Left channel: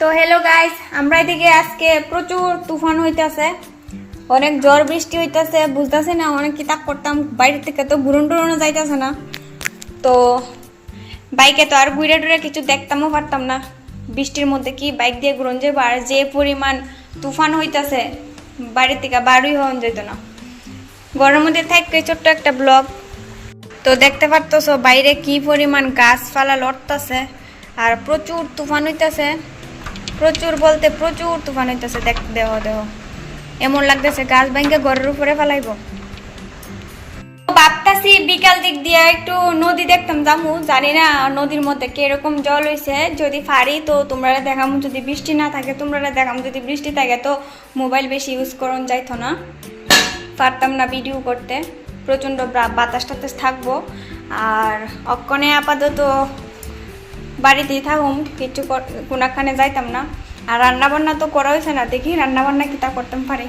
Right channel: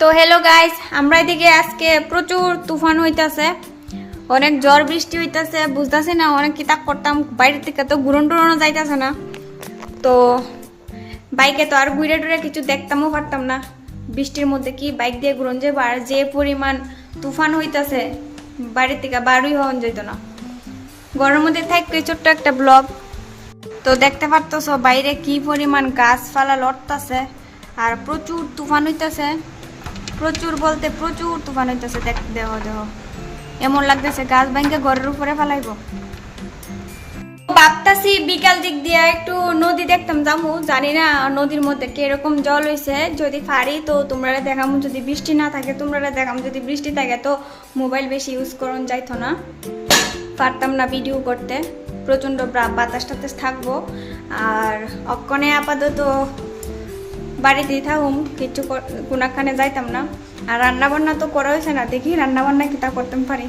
তো hello guys, আমরা এদিকে আজকে প্রচুর তুফান হইতাছে, অনেক ঝড় বৃষ্টি হইতাছে, বুঝতেছি না অনেক কি তাক করতাম। বাইরে থেকে তো ঘুরন টুরনও যাইতেছে না, তো বাইকে তো আর ঘুরে টুরে কিছু দেখতামও পারতাম না। বৃষ্টির মধ্যে কি বাইক দিয়ে ঘুরন যাবো, আর যে পরিমাণ তুফান হইতাছে বাইরে থেকে বাড়ুই হওয়া যেত না। ঘরের মধ্যে থাকতে ছোট্ট একটা ব্লগ, তো দেখতে পারতেছো বাইরে কি পরিমাণ গাছপালা লড়তাছে আর প্রচুর তুফান হইতাছে। প্রচুর বলতে প্রচুর তুফান হইতেছে। দেহ এমন লাগতেছে গাছ ভাঙ্গে ঘরের উপরে ফেলাইব। ভাবতাছি বিকাল দিক দিয়ে একটু নদী দেখতাম যাবো, জানি না নদীর মধ্যে কিরকম জল হয়েছে। যদি পারি তো তোমরা দেখাম, যদি বৃষ্টি না থাকে তোমরা দেখাম, যদি বৃষ্টি থাকে তো মোবাইল বেশি ইউজ করন যাইতো না, পারতাম না ভিডিও করতে, প্রচণ্ড বাতাস টাতাস থাকবো। আর অক্ষণে আপাতত বাড়িতেই থাকুম, কিছু কোনাখানে যাইতাম না। আর রান্না বান্না তো করা হয়েছে না, দেখি রান্না বান্না কিটা করতে পারি।